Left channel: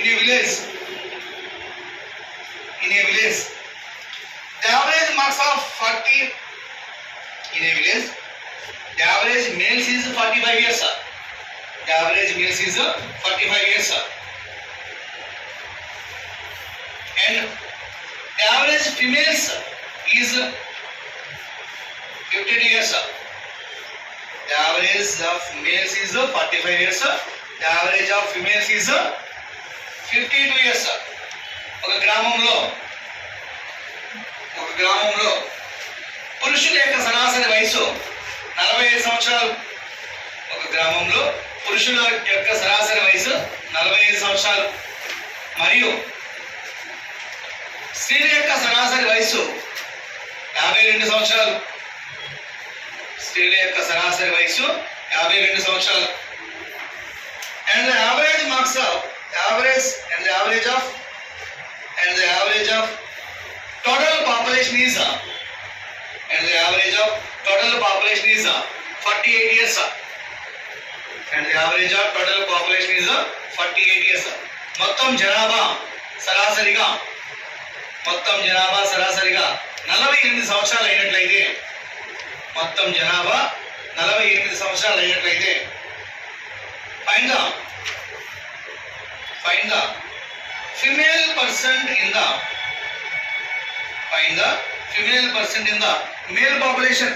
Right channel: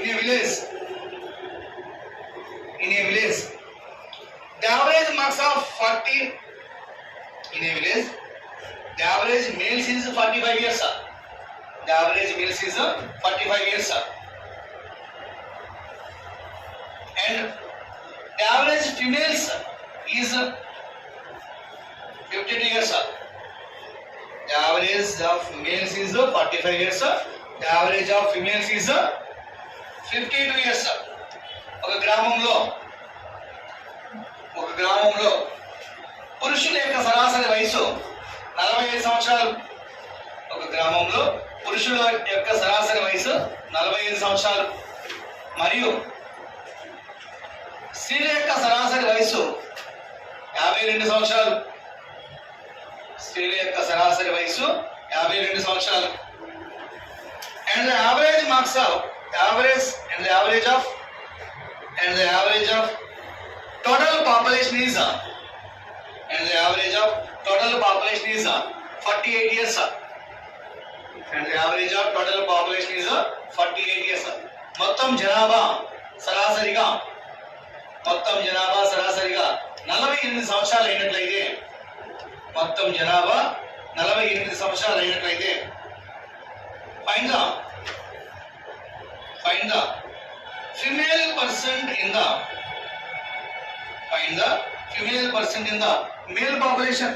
in a village, the average marks of 40 in a village, the average males is 45 years. The average males is 45 years. And the average females is 52 years. The average of males is 45 years. The average of females is 52 years. ఒక గ్రామంలో పురుషుల యొక్క సరాసరి వయసు 45 సంవత్సరాలు. ఒక గ్రామంలో పురుషుల యొక్క సరాసరి వయసు 45 సంవత్సరాలు మరియు స్త్రీల యొక్క సరాసరి వయసు 52 సంవత్సరాలు. స్త్రీల యొక్క సరాసరి వయసు 52 సంవత్సరాలు. And the average marks of the average of total population is 48 years. And the average of total population is 48 years. మొత్తం జనాభా సరాసరిగా 48 సంవత్సరాలు అయినట్లయితే, మొత్తం జనాభా 48 సంవత్సరాలు అయినట్లయితే find the female percent in the male population.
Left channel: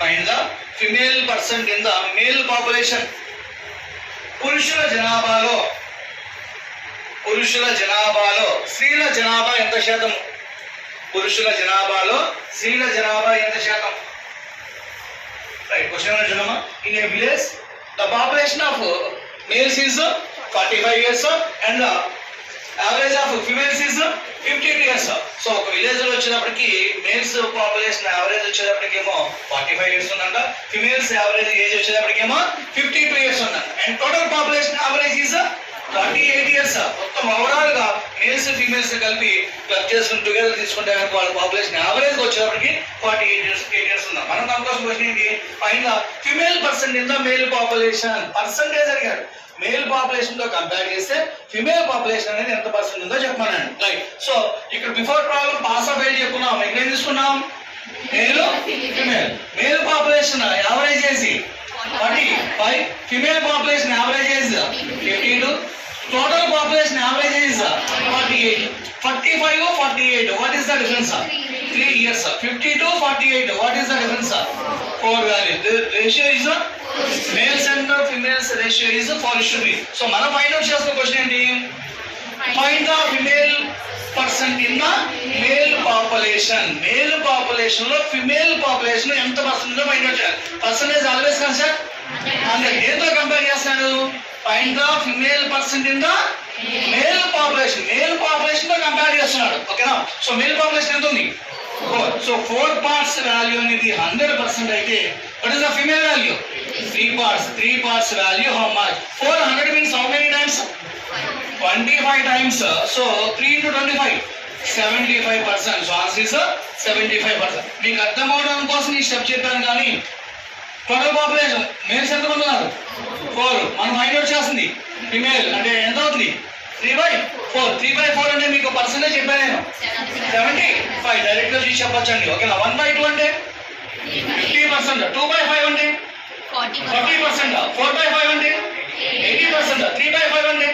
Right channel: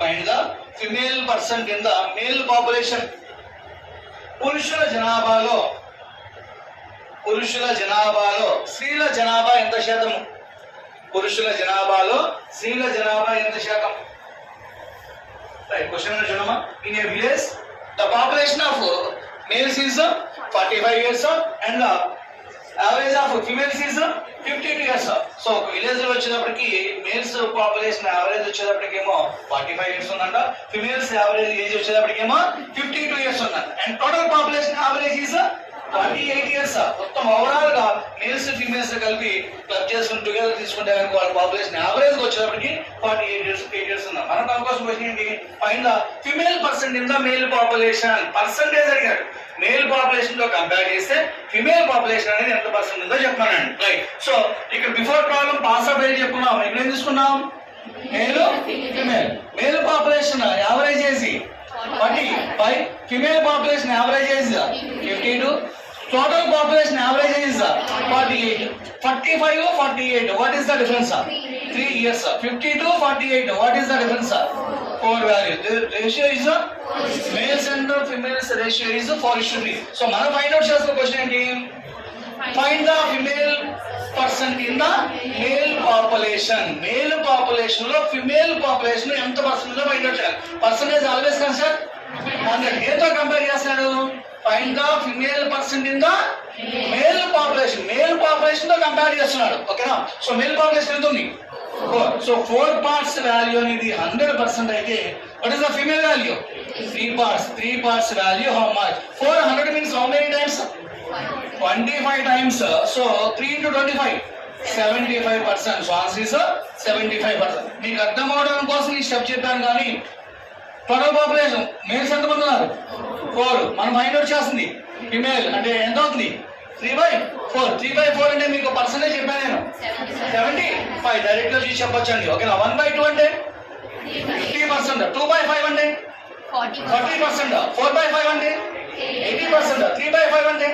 Find the female percent in the male population. పురుషుల జనాభాలో స్త్రీల జనాభా ఎంత శాతం? పురుషుల జనాభాలో స్త్రీల జనాభా ఎంత శాతం? రైట్, క్వశ్చన్ చూడమ్మా. In a village the population of males is 45 years and the average of females is 52 years. So ఒక విలేజ్ లో వచ్చేటప్పటికి మేల్స్ పాపులేషన్ యావరేజ్ వచ్చేటప్పటికేమో 45 ఇయర్స్ ఉందంట, ఫిమేల్స్ యావరేజ్ ఏజ్ వచ్చేటప్పటికేమో 52 ఇయర్స్ ఉందంట. And total population average is 48 ఇయర్స్. మొత్తం ఓవరాల్ గా మేల్స్ ఫీమేల్స్ కలిపి క్లబ్ చేసుకుని టుగెదర్ తీసుకుంటే కనుక వాళ్ళ పాపులేషన్ యావరేజ్ వచ్చేటప్పటికి 48 ఇయర్స్ ఉందా. మనం దానికోసం క్వశ్చన్ ఏంటి? Find the female percent in the male population. Percentage అడిగారు. మేల్ పాపులేషన్ తో కంపేర్ చేస్తే ఫిమేల్ పాపులేషన్ అనేది ఎంత పర్సెంట్ ఉందో చెప్పమనండి. రైట్, సో ఇక్కడ before problem pass of age చెప్పుకున్నాం. ఇక్కడ ఏం తీసుకున్నాం? Male female. Male population average age 45, female population average age 52, total population average is 48. 45, 48. What is the difference? 3 years. 52, 48. What is the difference? 4 value. The ratio is males and females ratio is 4:3. So మనం find out చేస్తున్న క్వశ్చన్ ఏంటి? Find the female percent in the male population. Male population లో female population ఎంత percent ఉందో find out చేయాలి. Percentage always కన్సర్ట్ 100. ఏతో కంపేర్ చేస్తాడు? Find the female percent in the male population. Male population తో కంపేర్ చేస్తున్నాడు. ఓకేనా? సో మేల్ పాపులేషన్ ఎంత ఉంది? 4. సో 4 parts వాల్యూ అనేది 100% అయితే what is the female value? 3 parts. 3 parts value how much? 400 means how many times? 25 times. So 3 into 25 75%. So answer is 75%. మీకు అర్థం అవడం కోసం ఈ స్టెప్ చెప్పాను. కానీ టోటల్ పాపులేషన్ మేల్స్ ఎంతమంది ఉన్నారు? 4. మనం ఫైండ్ అవుట్ చేస్తుంది ఫిమేల్ అంటే ఎంత అవుతుంది? 3/4. 3/4 అంటే మీకు పర్సెంటేజ్ చెప్పాను నేను 75. డైరెక్ట్ గా చూసి చెప్పొచ్చు అండి. ఓకేనా? 1/2 అంటే 50%. 2/5 అంటే 40%. 4/5 అంటే 80%. 3/5 అంటే